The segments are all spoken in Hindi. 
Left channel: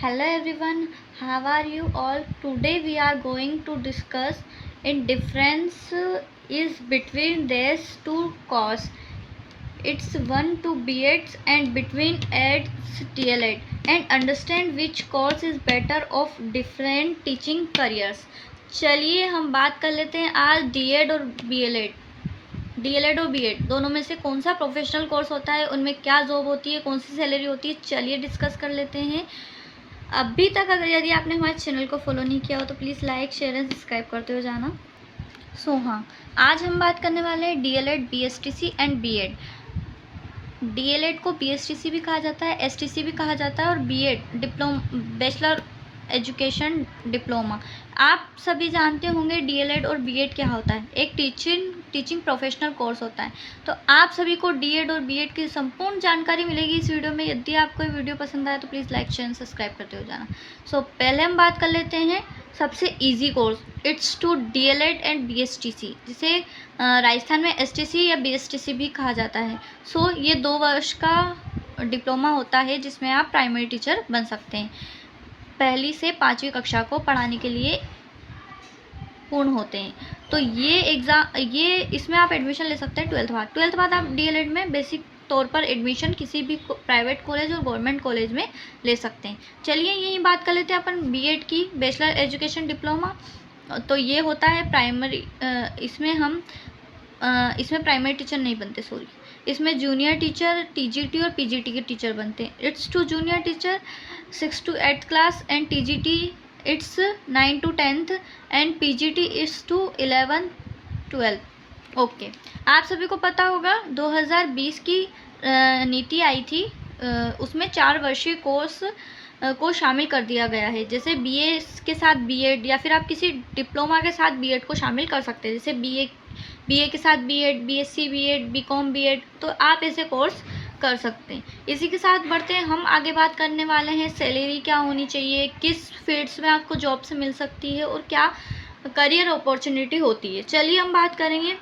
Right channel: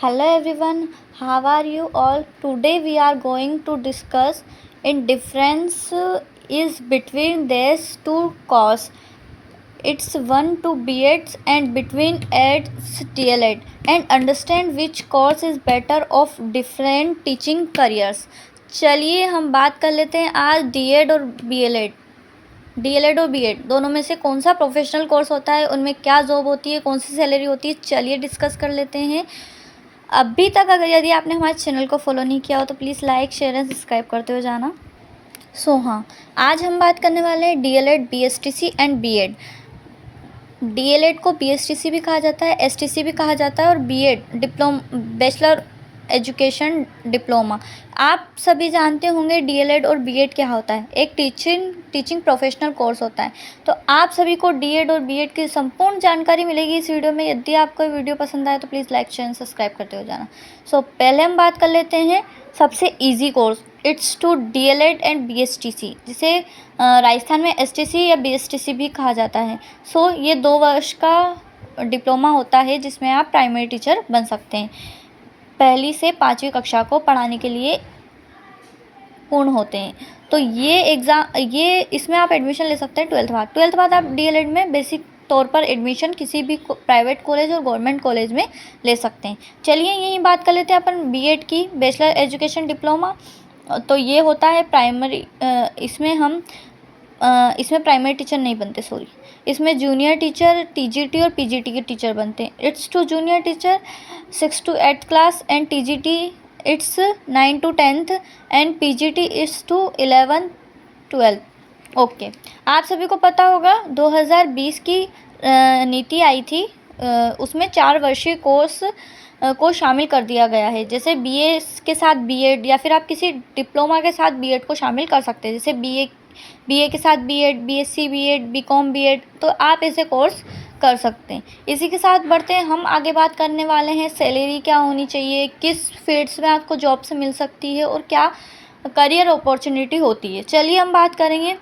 Hello everyone, how are you all? Today we are going to discuss in difference is between these two courses. It's one to B.Eds and between eds DLED and understand which course is better of different teaching careers. चलिए हम बात कर लेते हैं आज D.Ed और DLED और B.Ed दोनों में से कौन सा प्रोफेशनल कोर्स होता है, उनमें क्या जॉब होती है, कौन सी सैलरी होती है. चलिए डिस्कस कर लेते हैं. अभी तक अगर यदि आपने हमारे चैनल को फॉलो नहीं किया हो तो please like share and subscribe करते हुए जाना. हाँ, आज हम बात करने वाले हैं DLED, BSTC and B.Ed. DLED को BSTC भी कहा जाता है, STC भी कहा जाता है और B.Ed बैचलर एजुकेशन डिप्लोमा. आप सभी जानते होंगे DLED और B.Ed क्या होता है. एक टीचिंग प्रोफेशनल कोर्स होता है. तो आप सभी को DLED और B.Ed की संपूर्ण जानकारी मिलेगी इस वीडियो में. यदि आपको वीडियो पसंद आए तो प्लीज़ लाइक शेयर सब्सक्राइब करते हो जाना. पहले हम बात कर लेते हैं सबसे easy course. It's two DLED and BSTC, जिसे राजस्थान में STC या BSTC भी कहा जाता है. ये 2 वर्ष का डिप्लोमा होता है जिसमें आप प्राइमरी टीचर बन सकते हैं. पहली से 5वीं कक्षा को पढ़ाने के लिए पूर्ण होते हैं. तो ये इसमें आप एडमिशन ले सकते हैं 12th बाद आप DLED में बेसिक तौर पर एडमिशन किसी भी प्राइवेट कॉलेज और गवर्नमेंट कॉलेज में ले सकते हैं. चलिए यही बात कर लेते हैं अपन B.Ed की, बैचलर एजुकेशन डिप्लोमा. तो ये होता है प्राइमरी. इसमें प्राइमरी टीचर नहीं बनते, इसमें जूनियर टीचर, TGT और PGT के टीचर बनते हैं. It's to junior teacher 6 to 8th class and TGT it's 9 to 10th and PGT it's to 11th 12th. Okay, आप सभी को पता होगा 2020 की नीति आई थी. उसमें 4 वर्षीय कोर्स को शामिल कर दिया गया है. जैसे BA के साथ B.Ed या फिर आप किसी डिप्लोमा के साथ B.Ed को शामिल कर सकते हैं. जैसे BA के साथ B.Ed, BSc B.Ed, BCom B.Ed, तो आप ऐसे कोर्स कर सकते हैं. इसी के साथ बढ़ते हैं, हम आगे बात करने वाले हैं सैलरी क्या होनी चाहिए, किस फील्ड्स में आपको जॉब से मिल सकती है और क्या करियर अपॉर्चुनिटी होती है. चलिए हम बात करेंगे.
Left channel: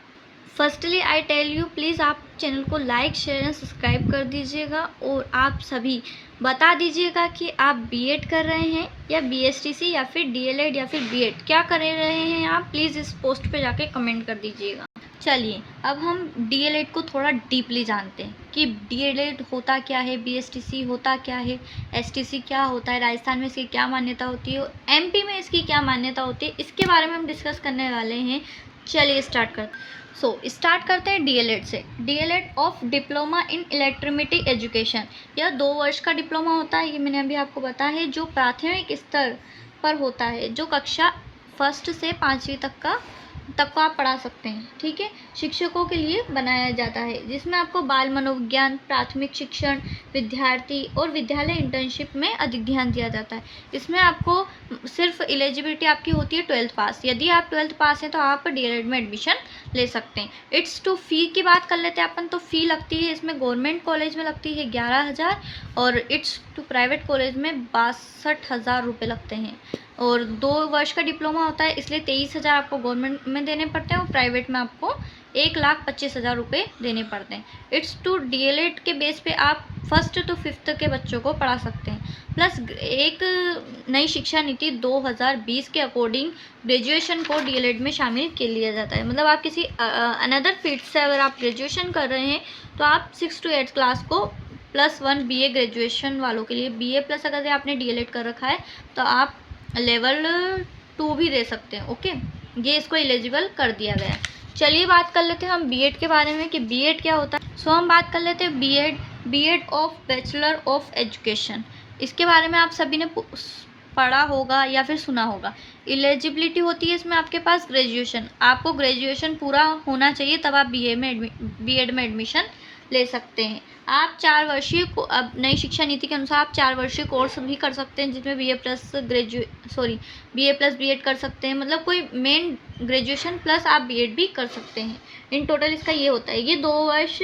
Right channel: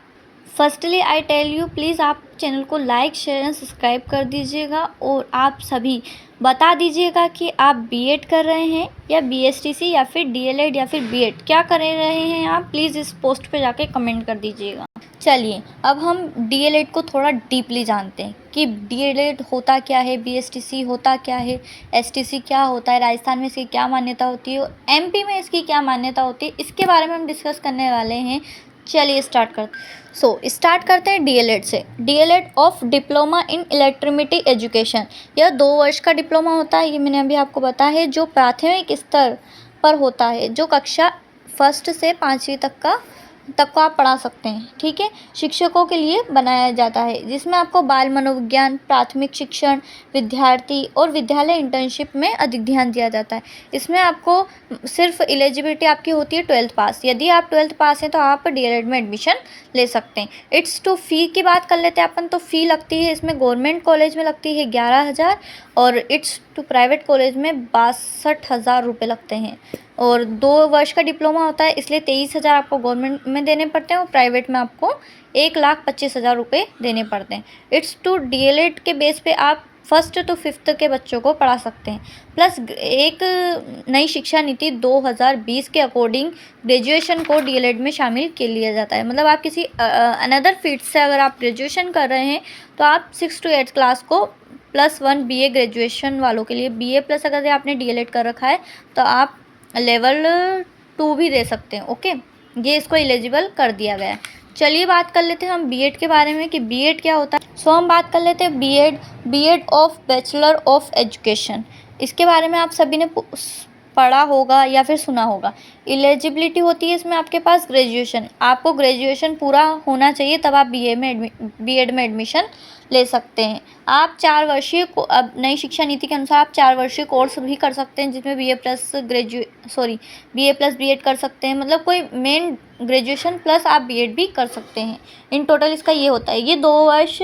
Firstly I tell you, please आप चैनल को लाइक शेयर एंड सब्सक्राइब कर दीजिएगा और आप सभी बता दीजिएगा कि आप B.Ed कर रहे हैं या BSTC या फिर DLED या फिर B.Ed क्या कर रहे हैं आप. प्लीज़ इस पोस्ट पे जाके कमेंट कर दीजिएगा. चलिए अब हम DLED को थोड़ा डीपली जानते हैं कि DLED होता क्या है, BSTC होता क्या है, STC क्या होता है, राजस्थान में इसकी क्या मान्यता होती है और MP में इसकी क्या मान्यता होती है, इसके बारे में हम डिस्कस करने वाले हैं. चलिए स्टार्ट करते हैं DLED से. DLED of diploma in electricity education. यह 2 वर्ष का डिप्लोमा होता है, ये मैंने अभी आपको बताया है, जो प्राथमिक स्तर पर होता है, जो कक्षा 1 से 5वीं तक को आप पढ़ा सकते हैं. ठीक है, शिक्षकों के लिए बनाया जाता है, जिसमें आपको बाल मनोविज्ञान, प्राथमिक शिक्षण, विद्यार्थी और विद्यालय इंटर्नशिप में अधिक ध्यान दिया जाता है. इसमें आपको सिर्फ एलिजिबिलिटी आपकी होती है 12th पास. यदि आप 12th पास हैं तो आप DLED में एडमिशन ले सकते हैं. इट्स टू फ़ी की बात कर लेते हैं अपन. तो फ़ी लगती है इसमें गवर्नमेंट कॉलेज में लगती है 11,000 और इट्स टू प्राइवेट कॉलेज में 62,000 रुपये लगते हैं. और 2 वर्ष का डिप्लोमा होता है, इसलिए 23,000 आपको गवर्नमेंट में देने पड़ते हैं और प्राइवेट में आपको 1,25,000 रुपये देने पड़ते हैं. इट्स टू DLED के बेस पे आप 1st to 5th के बच्चों को पढ़ा सकते हैं. प्लस एक नई शिक्षा नीति 2020 के अकॉर्डिंग ग्रेजुएशन को DLED में शामिल कर लिया जाता है. मतलब आप किसी अनदर फील्ड से अगर आप ग्रेजुएशन कर रहे हैं तो आप 6 to 8th क्लास को +1 BA ग्रेजुएशन वालों के लिए, BA प्लस अगर आपने DLED कर रखा है तो आप लेवल 2 भी दे सकते हैं. ओके, ये इसको एलिजिबल कर दिया गया है. चलिए बात कर लेते हैं हम B.Ed के बारे में कि B.Ed क्या होता है. हम बात कर लेते हैं B.Ed of bachelor of education. इसके बारे में आप सभी ने पढ़ा होगा या फिर सुना होगा. एलिजिबिलिटी होती है इसमें आपके पास ग्रेजुएशन. आपको ग्रेजुएशन पूरा होना चाहिए तब आप B.Ed में एडमिशन ले सकते हैं. आप 4 वर्षीय अब नई शिक्षा नीति के अनुसार आप 4 वर्षीय कोर्स भी कर सकते हैं, जिसमें BA प्लस B.Ed कर सकते हैं. मतलब कोई मेन ग्रेजुएशन प्लस आप B.Ed भी कर सकते हैं. इन टोटल इसका ये होता है. ये 2 वर्ष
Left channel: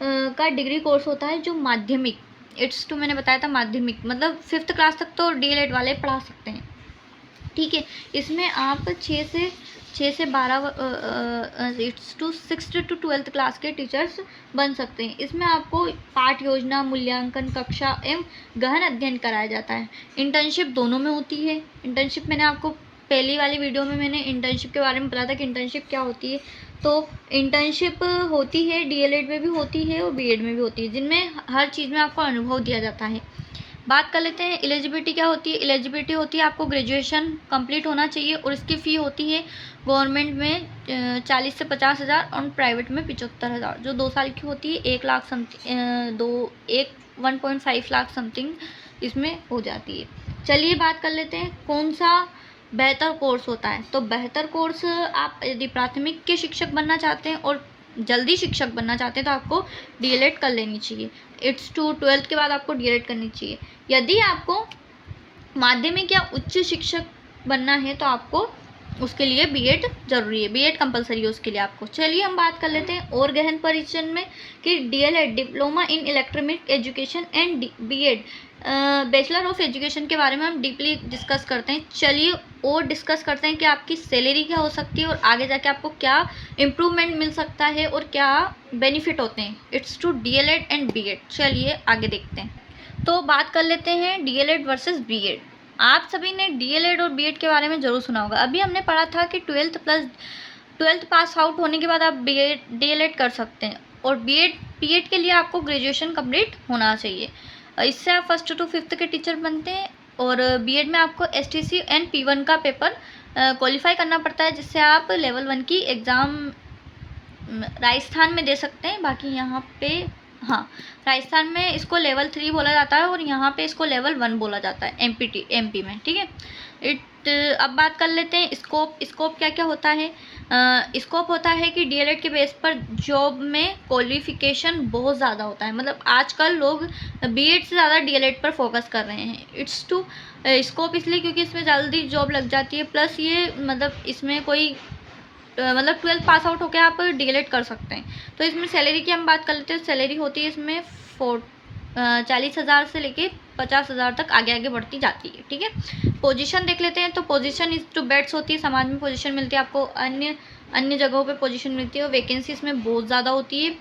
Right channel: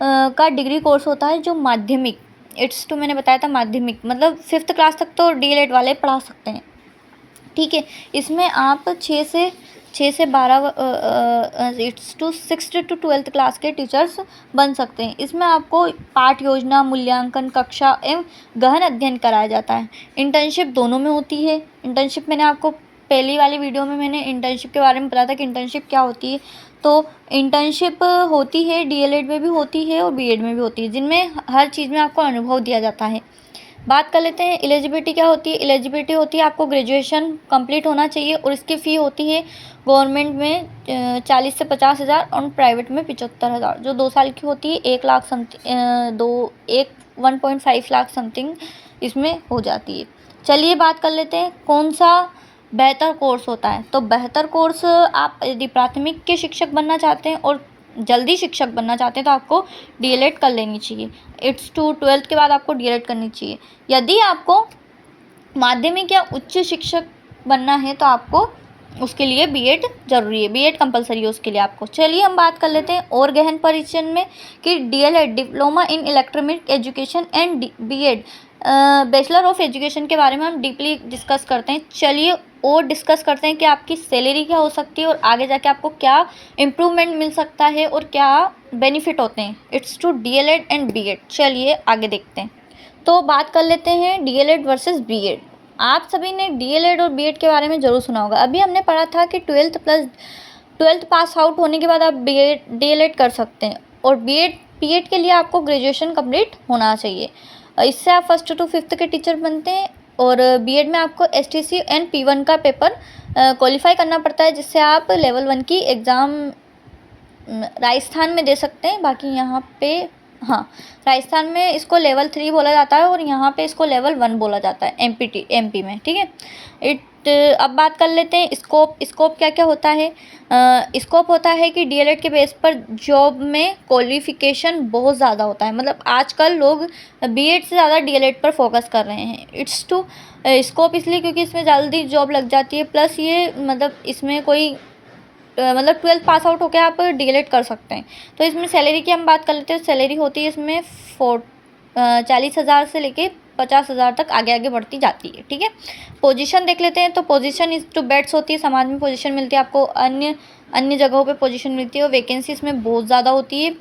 का डिग्री कोर्स होता है जो माध्यमिक, इट्स टू मैंने बताया था माध्यमिक, मतलब 5th क्लास तक तो DLED वाले पढ़ा सकते हैं. ठीक है, इसमें आप 6 6 से 12 6 to 12th क्लास के टीचर्स बन सकते हैं। इसमें आपको पाठ योजना, मूल्यांकन, कक्षा एवं गहन अध्ययन कराया जाता है। इंटर्नशिप दोनों में होती है। इंटर्नशिप मैंने आपको पहली वाली वीडियो में मैंने इंटर्नशिप के बारे में बताया था कि इंटर्नशिप क्या होती है। तो इंटर्नशिप होती है, डीएलएड में भी होती है और बीएड में भी होती है, जिनमें हर चीज़ में आपको अनुभव दिया जाता है। बात कर लेते हैं एलिजिबिलिटी क्या होती है। एलिजिबिलिटी होती है आपको ग्रेजुएशन कंप्लीट होना चाहिए और इसकी फ़ी होती है गवर्नमेंट में 40 से 50,000 और प्राइवेट में 75,000, जो 2 साल की होती है। 1 लाख समथिंग 1.5 लाख समथिंग इसमें हो जाती है। चलिए बात कर लेते हैं कौन सा बेहतर कोर्स होता है। तो बेहतर कोर्स, आप यदि प्राथमिक के शिक्षक बनना चाहते हैं और जल्दी शिक्षक बनना चाहते हैं तो आपको डीएलएड कर लेनी चाहिए। इट्स टू 12th के बाद आपको डीएलएड करनी चाहिए। यदि आपको माध्यमिक या उच्च शिक्षक बनना है तो आपको उसके लिए बीएड ज़रूरी है, बीएड कंपलसरी है उसके लिए आपको। चलिए हम बात कर लेते हैं और गहन परिचय में कि DElEd, diploma in electronic education and BEd, bachelor of education के बारे में हम डीपली डिस्कस करते हैं। चलिए और डिस्कस करते हैं कि आपकी सैलरी क्या हो सकती है और आगे जाके आपको क्या इम्प्रूवमेंट मिल सकता है और क्या बेनिफिट होते हैं। It's two DElEd and BEd. चलिए आगे देखते हैं। तो बात कर लेते हैं डीएलएड वर्सेस बीएड। आप सभी ने डीएलएड और बीएड के बारे में ज़रूर सुना होगा। अभी हमने पढ़ा था कि 12th पास आउट होने के बाद आप डीएलएड कर सकते हैं और बीएड के लिए आपको ग्रेजुएशन कंप्लीट होना चाहिए। इससे आप 1st to 5th के टीचर बनते हैं और बीएड में आपको एसटीसी एंड P1 का पेपर क्वालिफाई करना पड़ता है, जिससे आप लेवल 1 की एग्ज़ाम राजस्थान में दे सकते हैं। बाकी यहाँ पे राजस्थान में इसको लेवल 3 बोला जाता है और यहाँ पे इसको लेवल 1 बोला जाता है एमपी में, ठीक है। अब बात कर लेते हैं स्कोप क्या क्या होता है। स्कोप होता है कि डीएलएड के बेस पर जॉब में क्वालिफिकेशन बहुत ज़्यादा होता है। मतलब आजकल लोग बीएड से ज़्यादा डीएलएड पर फोकस कर रहे हैं। इट्स टू स्कोप इसलिए क्योंकि इसमें जल्दी जॉब लग जाती है, प्लस ये मतलब इसमें कोई 12th पास आउट होकर आप डीएलएड कर सकते हैं। तो इसमें सैलरी की हम बात कर लेते हैं। सैलरी होती है इसमें 40,000 से लेके 50,000 तक आगे बढ़ती जाती है, ठीक है। पोजीशन देख लेते हैं। तो पोजीशन इस टू बेड्स होती है, समाज में पोजीशन मिलती है आपको, अन्य जगहों पे पोजीशन मिलती है और वैकेंसी इसमें बहुत ज़्यादा होती है।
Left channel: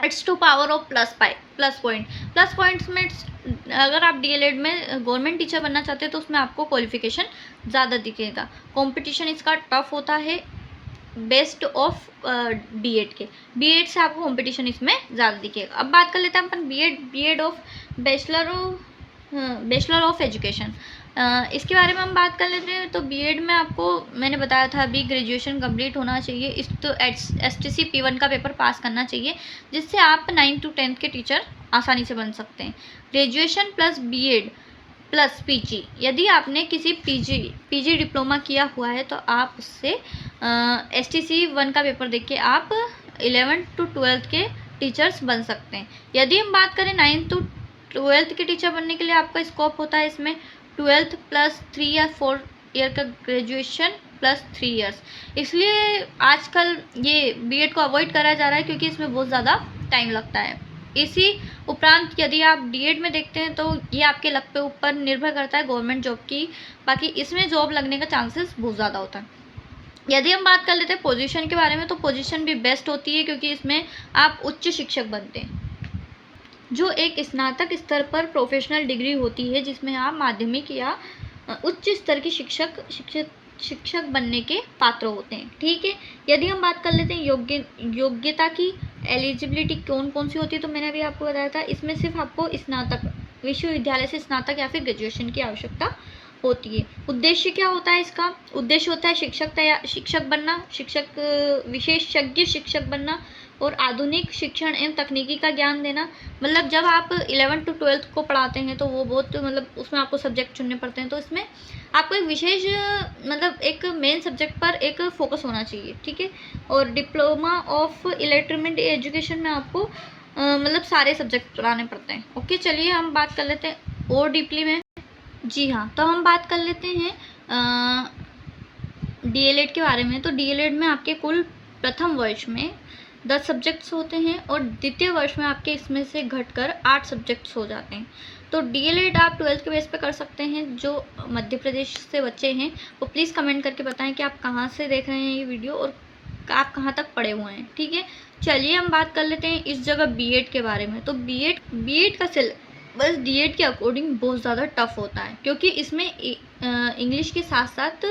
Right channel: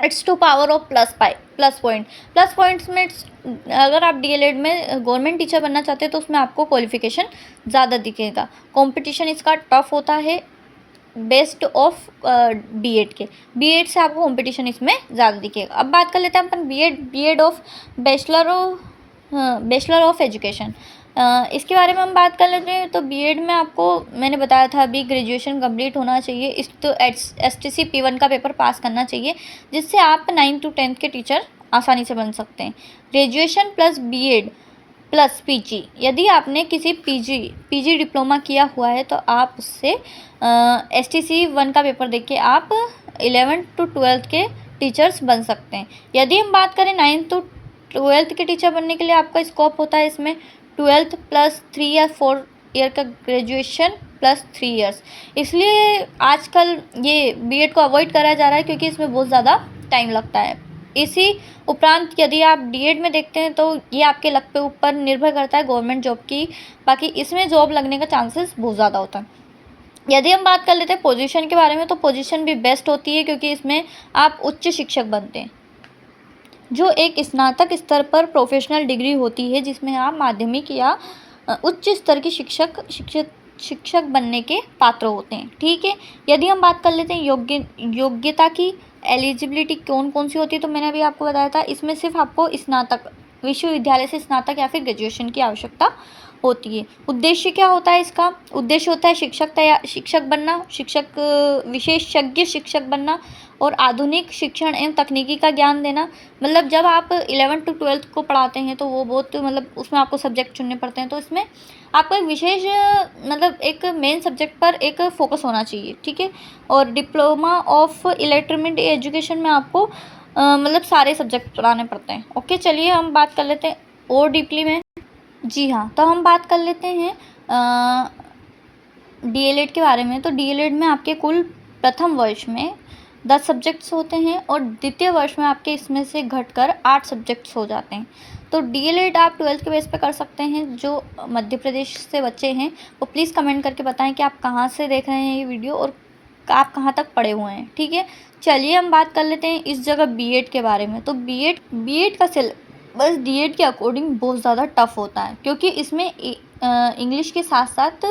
It's to power of plus points में अगर आप डीएलएड में गवर्नमेंट टीचर बनना चाहते हैं तो उसमें आपको क्वालिफिकेशन ज़्यादा दिखेगा। कंपटीशन इसका टफ होता है बेस्ट ऑफ बीएड से आपको कंपटीशन इसमें ज़्यादा दिखेगा। अब बात कर लेते हैं अपन BEd of bachelor of education. इसके बारे में हम बात कर लेते हैं। तो बीएड में आपको मैंने बताया था अभी ग्रेजुएशन कंप्लीट होना चाहिए। इस तो एसटीसी P1 का पेपर पास करना चाहिए, जिससे आप 9 to 10th के टीचर आसानी से बन सकते हैं। Graduation plus BEd plus PG, यदि आपने किसी पीजी डिप्लोमा किया हुआ है तो आप उससे एसटीसी 1 का पेपर देके आप 11th to 12th के टीचर्स बन सकते हैं। यदि हम बात करें 9th to 12th के टीचर बनने के लिए आपका स्कोप होता है इसमें 12th प्लस 3 या 4 ईयर का ग्रेजुएशन प्लस 3 इयर्स। इसलिए आजकल ये बीएड को अवॉइड करा जा रहा है क्योंकि इसमें बहुत ज़्यादा टाइम लगता है। इसी उपरांत यदि आप डीएड में देखते हैं तो ये आपके लक पे ऊपर निर्भर करता है गवर्नमेंट जॉब की। बाकी इसमें जॉब लगने का चांसेस बहुत ज़्यादा होता है। यदि हम बात कर लेते हैं पोजीशन के बारे में, तो पोजीशन भी बेस्ट होती है क्योंकि इसमें आप उच्च शिक्षक बनते हैं, जो एक स्नातक स्तर पर प्रोफेशनल डिग्री होती है, जिसमें आप माध्यमिक या उच्च स्तर की शिक्षक बनने के पात्र होते हैं, ठीक है। यदि हम बात कर लेते हैं योग्यता की, एलिजिबिलिटी कौन कौन सी होती है, तो मैंने अभी आपको बताया था इसमें सिर्फ आपको स्नातक, विश्वविद्यालय से स्नातक या फिर ग्रेजुएशन की आवश्यकता होती है। उद्देश्य क्या होता है इसका? उद्देश्य होता है शिक्षक बनना, विशेषज्ञ शिक्षक बनना और आधुनिक शिक्षण एवं तकनीकी का ज्ञान देना। मतलब जब आप 11th to 12th को पढ़ाते हैं तो वो बहुत उसमें आपको सब्जेक्ट चुनने पड़ते हैं, तो इसमें आपको एक विशेष एक मेन सब्जेक्ट पर एक फोकस होना चाहिए, ठीक है। और डिप्लोमा ऑफ इलेक्ट्रॉनिक एजुकेशन में आपको सारे सब्जेक्ट पढ़ाने पड़ते हैं। ओके, चलिए हम बात कर लेते हैं और डीपली में। जी हाँ, तो हम बात कर लेते हैं डीएलएड के बारे में। तो डीएलएड में आपके कुल प्रथम वर्ष में 10 सब्जेक्ट्स होते हैं और द्वितीय वर्ष में आपके इसमें से घटकर 8 सब्जेक्ट्स हो जाते हैं। तो डीएलएड आप 12th के बेस पे कर सकते हैं। जो मध्य प्रदेश से बच्चे हैं वो प्लीज़ कमेंट करके बताएं कि आप कहाँ से देख रहे हैं ये वीडियो और आप कहाँ तक पढ़े हुए हैं, ठीक है। चलिए हम बात कर लेते हैं इस जगह बीएड के बारे में। तो बीएड का सिलेबस डीएड के अकॉर्डिंग बहुत ज़्यादा टफ होता है, क्योंकि इसमें इंग्लिश के साथ साथ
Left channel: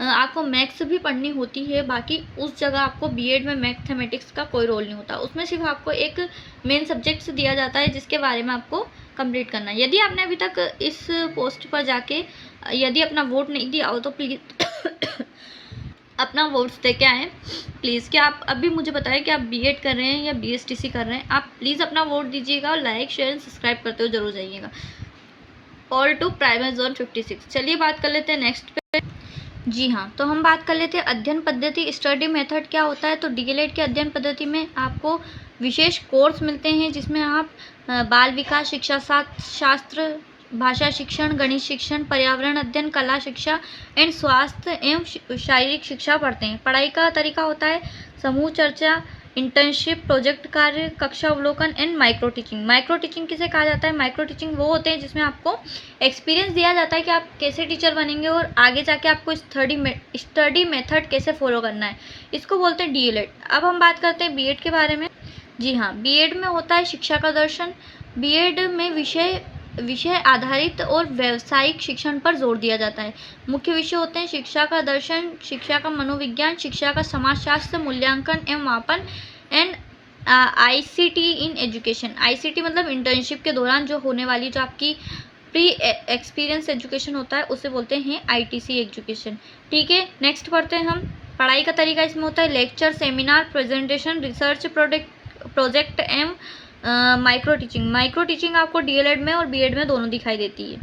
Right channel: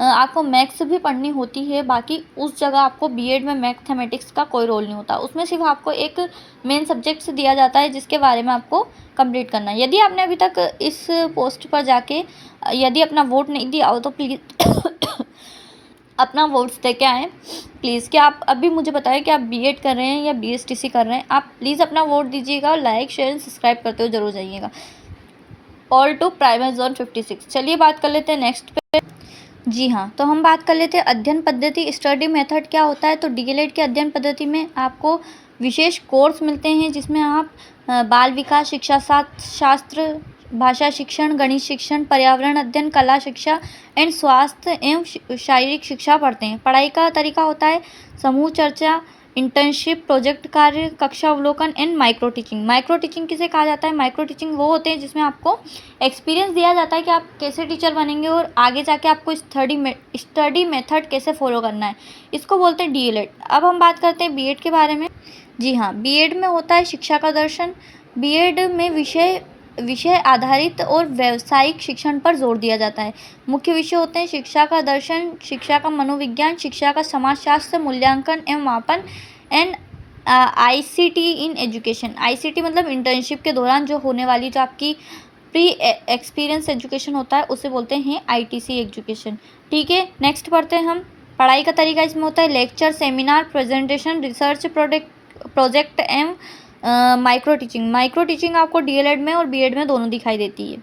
आपको मैथ्स भी पढ़नी होती है। बाकी उस जगह आपको बीएड में मैथमेटिक्स का कोई रोल नहीं होता, उसमें सिर्फ आपको एक मेन सब्जेक्ट्स दिया जाता है जिसके बारे में आपको कंप्लीट करना है। यदि आपने अभी तक इस पोस्ट पर जाके यदि अपना वोट नहीं दिया हो तो प्लीज़ अपना वोट्स दे के आएँ प्लीज़। क्या आप अभी मुझे बताएं कि आप बीएड कर रहे हैं या बीएसटीसी कर रहे हैं। आप प्लीज़ अपना वोट दीजिएगा और लाइक शेयर एंड सब्सक्राइब करते हुए जरूर जाइएगा। All to primary zone 56। चलिए बात कर लेते हैं नेक्स्ट पे। जी हाँ, तो हम बात कर लेते हैं अध्ययन पद्धति, स्टडी मेथड क्या होता है। तो डीएलएड के अध्ययन पद्धति में आपको विशेष कोर्स मिलते हैं जिसमें आप बाल विकास शिक्षा शास्त्र, भाषा शिक्षण, गणित शिक्षण, पर्यावरण अध्ययन, कला शिक्षा एंड स्वास्थ्य एवं शारीरिक शिक्षा पढ़ते हैं। पढ़ाई का तरीका होता है समूह चर्चा, इंटर्नशिप, प्रोजेक्ट कार्य, कक्षा अवलोकन and micro teaching. Micro teaching किसे कहा जाता है? माइक्रो टीचिंग वो होते हैं जिसमें आपको एक्सपीरियंस दिया जाता है कि आप कैसे टीचर बनेंगे और आगे जाके आपको स्टडी मेथड कैसे फॉलो करना है, इसको बोलते हैं डीएलएड। अब हम बात करते हैं बीएड के बारे में। जी हाँ, बीएड में होता है शिक्षा का दर्शन। बीएड में विषय आधारित और व्यावसायिक शिक्षण पर जोर दिया जाता है। मुख्य विषय होते हैं शिक्षा का दर्शन, शिक्षा का मनोविज्ञान, शिक्षा का समाजशास्त्र, मूल्यांकन एवं मापन and ICT in education. ICT मतलब इंटर्नशिप के दौरान जो होने वाली जो आपकी प्री एक्सपीरियंस एजुकेशन होता है उसे बोलते हैं आईटीसी एजुकेशन, ठीक है। नेक्स्ट पढ़ते हैं हम। पढ़ाई का तरीका इसमें होता है lecture, seminar, presentation, research project एवं माइक्रो टीचिंग। माइक्रो टीचिंग आपको डीएलएड में और बीएड में दोनों दिखाई देती है।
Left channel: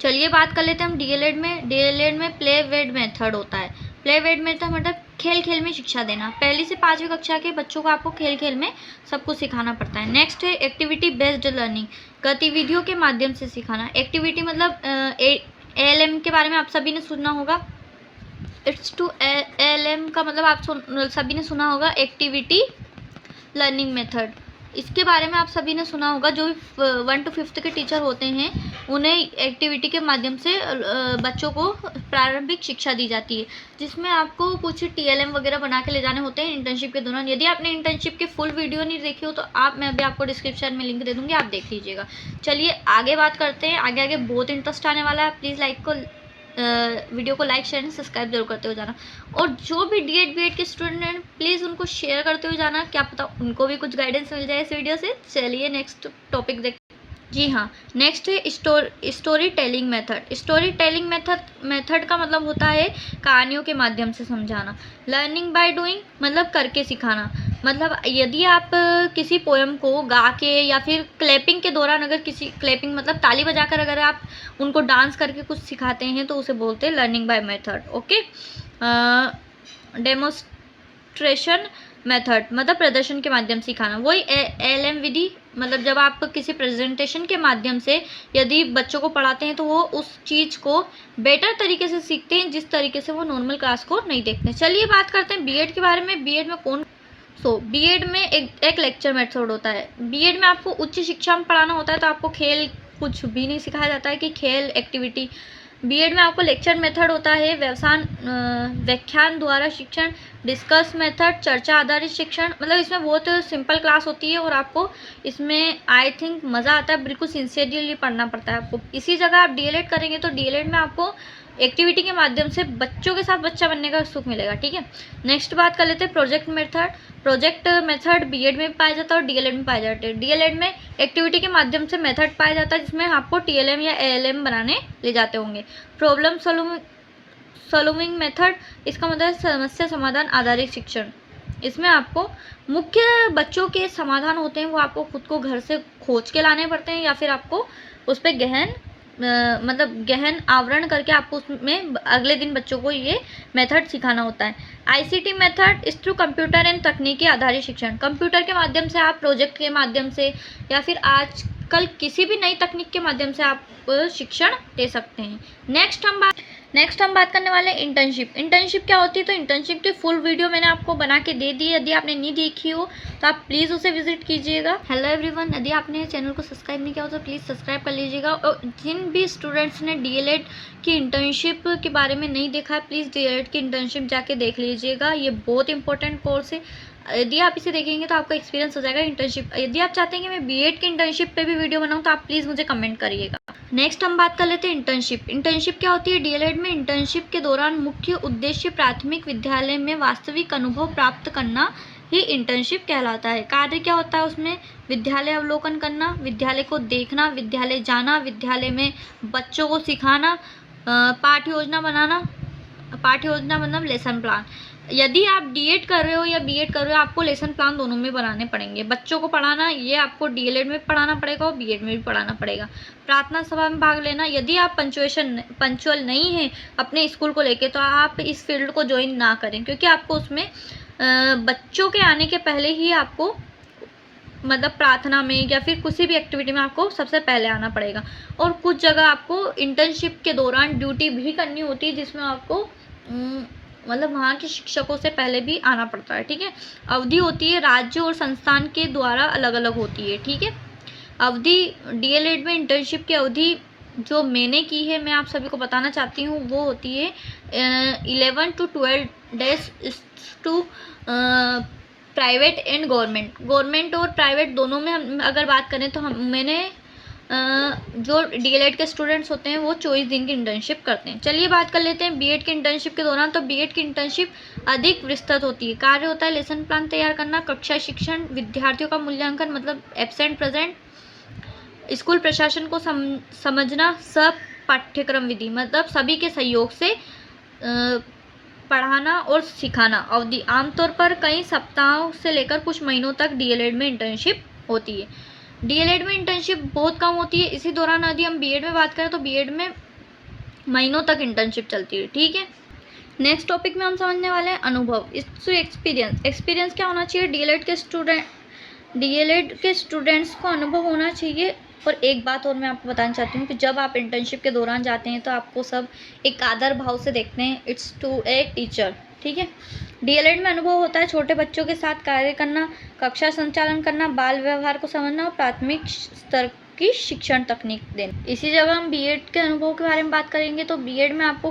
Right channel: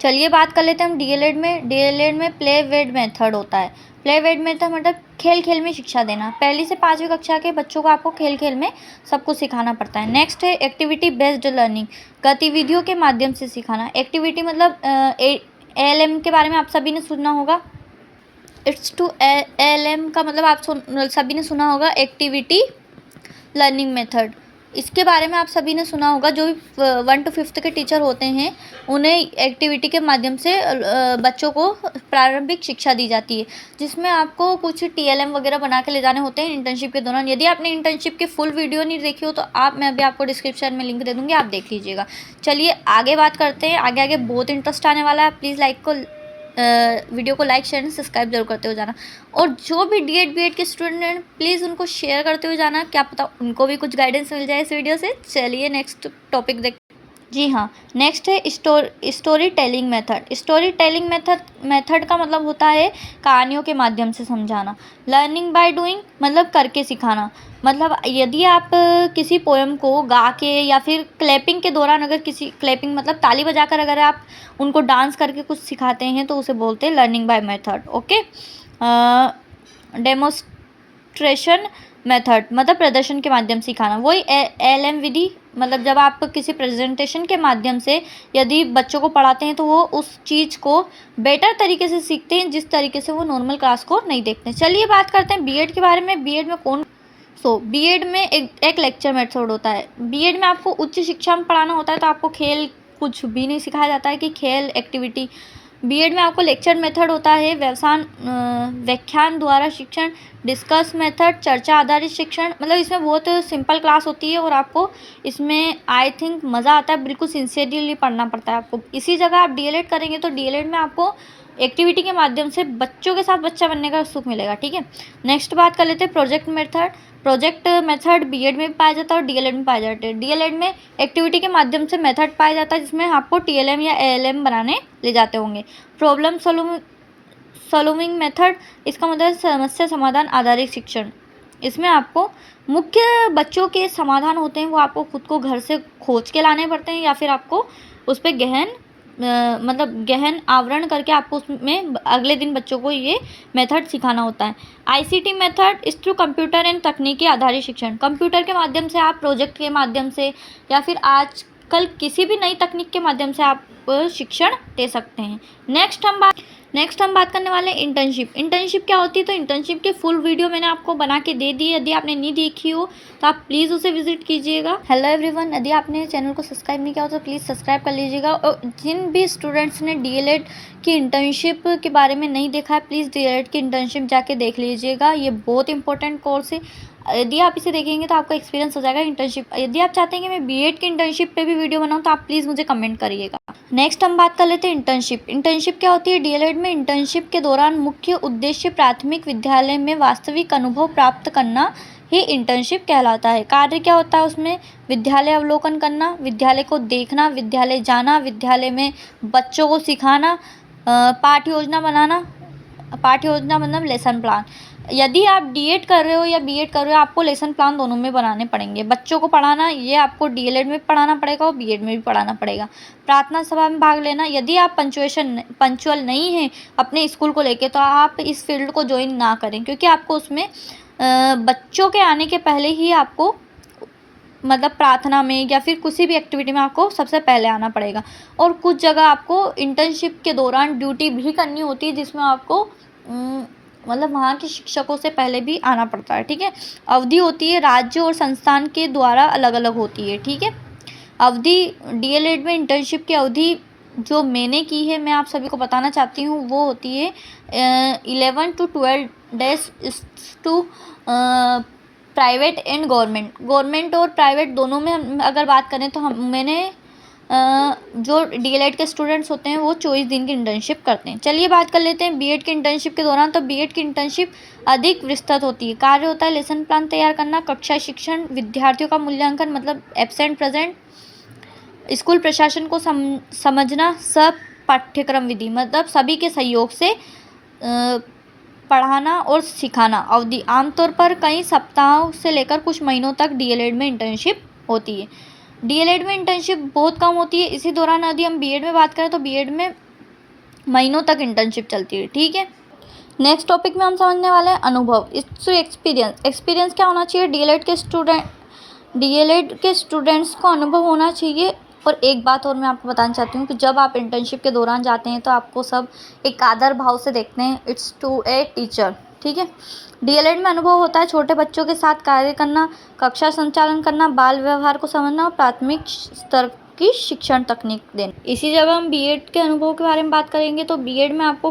चलिए बात कर लेते हैं हम डीएलएड में। डीएलएड में प्ले वेड मेथड होता है। प्ले वेड मेथड मतलब खेल खेल में शिक्षा देना। 1ली से 5वीं कक्षा के बच्चों को आपको खेल खेल में सब कुछ सिखाना पड़ता है। नेक्स्ट है एक्टिविटी बेस्ड लर्निंग, गतिविधियों के माध्यम से सिखाना। एक्टिविटी मतलब एएलएम के बारे में आप सभी ने सुना होगा। इट्स टू एएलएम का मतलब आप सभी ने सुना होगा एक्टिविटी लर्निंग मेथड, इसके बारे में आप सभी ने सुना होगा। जो भी 1 to 5th के टीचर होते हैं उन्हें एक्टिविटी के माध्यम से बच्चों को प्रारंभिक शिक्षा दी जाती है, जिसमें आपको कुछ टीएलएम वगैरह बना के ले जाने होते हैं इंटर्नशिप के दौरान। यदि आपने इंटर्नशिप की फुल वीडियो नहीं देखी हो तो मैं अभी आपको डिस्क्रिप्शन में लिंक दे दूँगी, आप देख लीजिएगा। चलिए आगे बात करते हैं। आगे बहुत इंटरेस्ट आने वाला है। प्लीज़ वीडियो को लाइक शेयर एंड सब्सक्राइब जरूर करते हुए जाना। और जो भी डीएड बीएड के स्टूडेंट हैं प्लीज़ उनको शेयर करते हुए जाना, क्या पता उनको भी कुछ गाइडेंस मिल जाए इस वीडियो से। चलिए नेक्स्ट टॉपिक देखते हैं। जी हाँ, नेक्स्ट है story telling method. Story telling method का मतलब होता है कहानियों के माध्यम से समझाना। लर्निंग बाय डूइंग मतलब करके सिखाना। मतलब यदि आप किसी पोएम को गा के या फिर क्लैपिंग के दौरान अगर क्लैपिंग मतलब ताली बजाकर अगर आप उनको डांस करके कुछ सिखाते हैं तो उसे बोलते हैं learning by method, okay. Demonstration method मतलब प्रदर्शन के माध्यम से सिखाना। वही एलएम विधि मतलब जब आप किसी प्रेजेंटेशन के माध्यम से यदि बच्चों को पढ़ाते हैं तो वो उस चीज़ को बेटर तरीके से सीखते हैं जिस तरीके से वो नॉर्मल क्लास को नहीं देखते। चलिए बात करते हैं बीएड के बारे में। बीएड में बीएड में एक लेक्चर मेथड होता है। बीएड में आपको उच्च शिक्षा में पढ़ाना होता है तो आपको खेल कुछ भी नहीं सिखाया जाता है कि खेल एक्टिविटी। बीएड में आपको लेक्चर मेथड होता है, व्याख्यान द्वारा शिक्षण, डिस्कस मेथड, चर्चा आधारित शिक्षण। मतलब इसमें बहुत सिंपल क्लास होती है और आपको इसमें आई थिंक मज़ा आता है, बिल्कुल सिंसियरली पढ़ना पड़ता है आपको। इसी जगह आप डीएलएड करेंगे तो डीएलएड में आपको एक्टिविटी के माध्यम से बच्चों के साथ बच्चा बनने का सुख मिलेगा, ठीक है। नेक्स्ट बात कर लेते हैं project method. Project method BEd में भी पाया जाता है और डीएलएड में पाया जाता है। डीएलएड में एक्टिविटी के माध्यम से मेथड पाया जाता है जिसमें आपको टीएलएम या एएलएम बनाने ले जाते होंगे। प्रॉब्लम सॉल्विंग मेथड, इसका मतलब समस्या समाधान आधारित शिक्षण। इसमें आपको मुख्य बच्चों के समाधान होते हैं वो आपको खुद को घर से खोज के लाने पड़ते हैं या फिर आपको उस पर गहन आवरण करके आपको उसमें अगले दिन बच्चों को ये मेथड सिखाना होता है। आईसीटी मेथड इस थ्रू कंप्यूटर एंड तकनीकी आधारित शिक्षण। कंप्यूटर के माध्यम से आप प्रोजेक्ट के माध्यम से या फिर आजकल किसी भी नई तकनीक के माध्यम से आप शिक्षण दे सकते हैं। नेक्स्ट हम बात करने वाले हैं इंटर्नशिप। इंटर्नशिप क्या होती है, तो इंटर्नशिप की फुल वीडियो मैंने आपको बना के दे दी है। यदि आपने नहीं देखी हो तो आप प्लीज़ उसे विजिट कीजिएगा। हेलो एवरीवन, यदि आपने चैनल को सब्सक्राइब नहीं किया हो तो प्लीज़ सब्सक्राइब कर लीजिएगा। और जिन भी स्टूडेंट्स ने डीएलएड की इंटर्नशिप के बारे में नहीं देखा है, प्लीज़ डीएलएड की इंटर्नशिप जाके देख लीजिएगा। ये बहुत इंपॉर्टेंट कोर्स है। यदि आप इसे देखेंगे तो आपका एक्सपीरियंस हो जाएगा इंटर्नशिप। यदि आप चाहते हैं कि मैं बीएड की इंटर्नशिप पे भी वीडियो बनाऊं तो आप प्लीज़ मुझे कमेंट करिएगा। नेक्स्ट हम बात कर लेते हैं इंटर्नशिप। इंटर्नशिप क्या होती है, डीएलएड में इंटर्नशिप के दौरान मुख्य उद्देश्य प्राथमिक विद्यालय में वास्तविक अनुभव प्राप्त करना ही इंटर्नशिप कहलाता है। कार्य क्या होता है उसमें, विद्यालय अवलोकन करना, विद्यालय को देखना, विद्यालय जाना, विद्यालय में बच्चों को सिखाना, पाठ्य योजना बनाना। पाठ्य योजना मतलब लेसन प्लान। यदि आप डीएड कर रहे हो या बीएड कर रहे हो, आपको लेसन प्लान दोनों में बनाने पड़ेंगे। बच्चों को पढ़ाना ये आपको डीएलएड में पढ़ाना पड़ेगा और बीएड में भी पढ़ाना पड़ेगा। प्रार्थना सभा में भाग लेना। यदि आप पंचुअल नहीं हैं अपने स्कूल को लेके तो आप इस फील्ड को ज्वाइन ना करें, क्योंकि आपको उसमें बच्चों के आने के पहले ही आपको मतलब प्रार्थना में या फिर किसी भी एक्टिविटी में आपको सबसे पहले आना पड़ेगा। और कुछ जगह आपको इंटर्नशिप के दौरान ड्यूटी भी करनी होती है, जिसमें आपको मतलब वहाँ के शिक्षकों से पहले भी आना पड़ता है। ठीक है, अवधि होती है राज्य और संस्थान के द्वारा अलग अलग होती है। ठीक है, अवधि डीएलएड में इंटर्नशिप की अवधि जो मैंने की है, मैं आप सभी को बताना चाहती हूँ, वो होती है 11 to 12 days to private and government और प्राइवेट दोनों में हम अगर बात करें तो मैंने जो डीएलएड के स्टूडेंट्स होते हैं वो 24 दिन की इंटर्नशिप करते हैं। चलिए बात कर लेते हैं बीएड की इंटर्नशिप के दौरान। तो बीएड की इंटर्नशिप अधिक विस्तृत होती है। कार्य होता है लेसन प्लान तैयार करना, कक्षा शिक्षण, विद्यार्थियों का मूल्यांकन मतलब एब्सेंट प्रेजेंट, स्कूल प्रशासन को समझना, सब पाठ्यक्रम विधि मतलब सभी के सहयोग से पढ़ाना और सिखाना। अवधि आमतौर पर कई सप्ताहों से लेकर कुछ महीनों तक डीएलएड में इंटर्नशिप होती है। डीएलएड में इंटर्नशिप बहुत कम होती है। इसी दौरान यदि हम बीएड में बात करें तो बीएड में महीनों तक इंटर्नशिप चलती है। ठीक है, नेक्स्ट टॉपिक में हम समझने वाले हैं अनुभव। इससे एक्सपीरियंस क्या होना चाहिए, डीएलएड के स्टूडेंट्स को अनुभव होना चाहिए। और एक बात और मैं आपको बताना चाहती हूँ कि जब आप इंटर्नशिप के दौरान जाते हैं तो आपको सब एक आदर भाव से देखते हैं, इट्स टू ए टीचर। ठीक है, डीएलएड में अनुभव होता है छोटे बच्चों के साथ कार्य करना, कक्षा संचालन करना, बाल व्यवहार को समझना और प्राथमिक स्तर की शिक्षण तकनीक देना। इसी जगह हम बीएड के अनुभव के बारे में बात करेंगे तो बीएड में आपको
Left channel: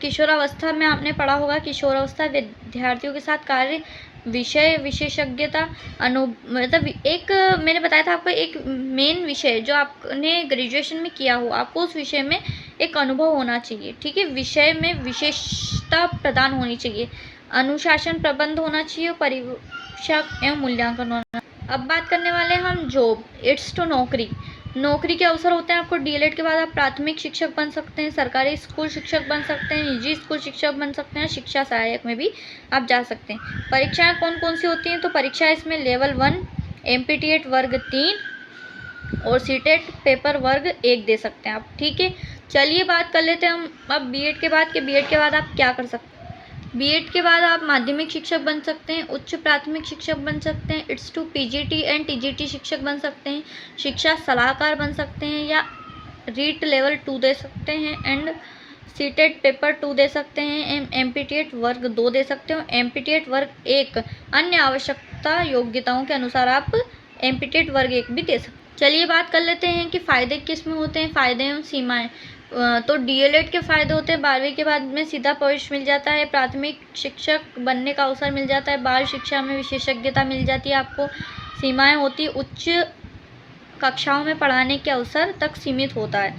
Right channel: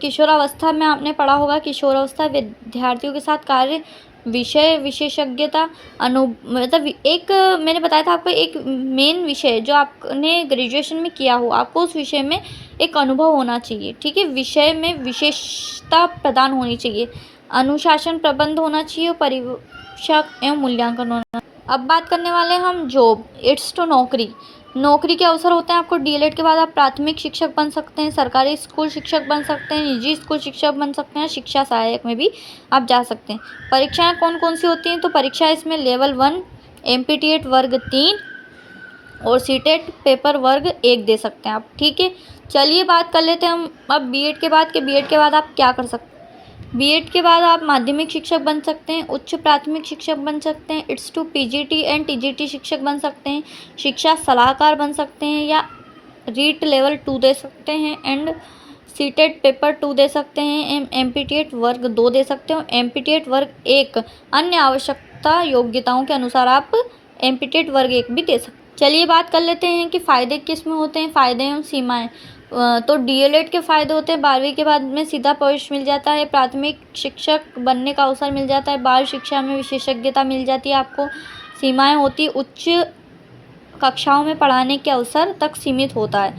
किशोरावस्था में आपने पढ़ा होगा, किशोरावस्था विद्यार्थियों के साथ कार्य, विषय विशेषज्ञता मतलब एक मैंने बताया था आपको एक मेन विषय जो आपने ग्रेजुएशन में किया हो, आपको उस विषय में एक अनुभव होना चाहिए। ठीक है, विषय में विशेषता प्रदान होनी चाहिए, अनुशासन प्रबंध होना चाहिए और परीक्षा एवं मूल्यांकन होना। अब बात करने वाले हैं हम जॉब, इट्स टू नौकरी के अवसर होते हैं आपको। डीएलएड के बाद आप प्राथमिक शिक्षक बन सकते हैं, सरकारी स्कूल शिक्षक बन सकते हैं, निजी स्कूल शिक्षक बन सकते हैं, शिक्षा सहायक में भी आप जा सकते हैं। परीक्षाएं कौन कौन सी होती हैं, तो परीक्षाएं इसमें लेवल 1 एमपीटीएट वर्ग 3 और सीटेट पेपर वर्ग 1 दे सकते हैं आप। ठीक है, चलिए बात कर लेते हैं हम अब बीएड के बाद आप क्या कर सकते हैं। बीएड के बाद आप माध्यमिक शिक्षक बन सकते हैं, उच्च प्राथमिक शिक्षक बन सकते हैं, it's two PGT and TGT शिक्षक बन सकते हैं, शिक्षा सलाहकार बन सकते हैं या रीट लेवल 2 दे सकते हैं एंड सीटेट पेपर 2 दे सकते हैं, एमपीटीएट वर्ग 2 दे सकते हो, एमपीटीएट वर्ग 1 अन्य आवश्यकता योग्यताओं के अनुसार आप एमपीटीएट वर्ग 1 भी दे सकते हैं। चलिए बात कर लेते हैं कि फ़ायदे किस में होते हैं, फ़ायदे एवं सीमाएँ। तो डीएलएड के फ़ायदे होते हैं, 12वीं के बाद में सीधा प्रवेश मिल जाता है, प्राथमिक शिक्षक बनने का अवसर मिल जाता है, बाल शिक्षा में विशेषज्ञता मिल जाती है आपको। सीमाएं होती, उच्च कक्षाओं में पढ़ाने के अवसर तक सीमित होता है,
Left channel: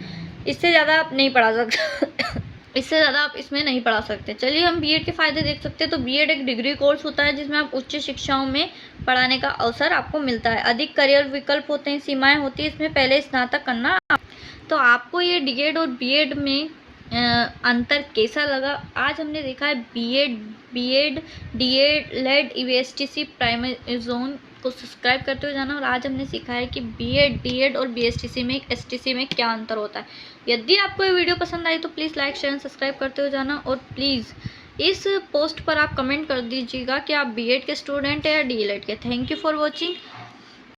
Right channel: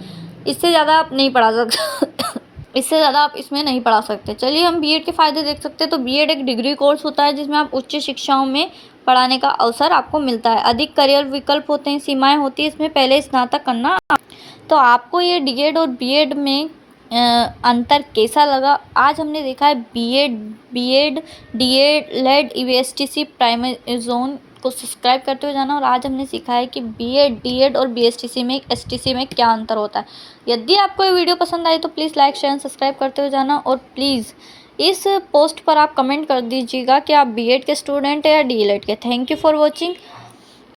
इससे ज़्यादा आप नहीं पढ़ा सकते इससे ज़्यादा आप इसमें नहीं पढ़ा सकते। चलिए हम बीएड के फ़ायदे देख सकते हैं। तो बीएड एक डिग्री कोर्स होता है जिसमें आप उच्च शिक्षाओं में पढ़ाने का अवसर आपको मिलता है, अधिक करियर विकल्प होते हैं, सीमाएँ होती है इसमें पहले स्नातक करना। तो आपको ये डीएड और बीएड में अंतर कैसा लगा? आज हमने देखा है बीएड डीएलएड ईवीएसटीसी प्राइमरी जोन को सब्सक्राइब करते हुए जाना, और आज हमने सीखा है कि बीएड डीएड और बीएसटीसी में एसटीसी में क्या अंतर होता है। यदि आपको ये वीडियो पसंद आई तो प्लीज़ लाइक शेयर सब्सक्राइब करते हुए जाना, और प्लीज़ इस पोस्ट पर आप कमेंट कर दीजिएगा कि आप बीएड के स्टूडेंट हैं या डीएलएड के। Thank you for watching.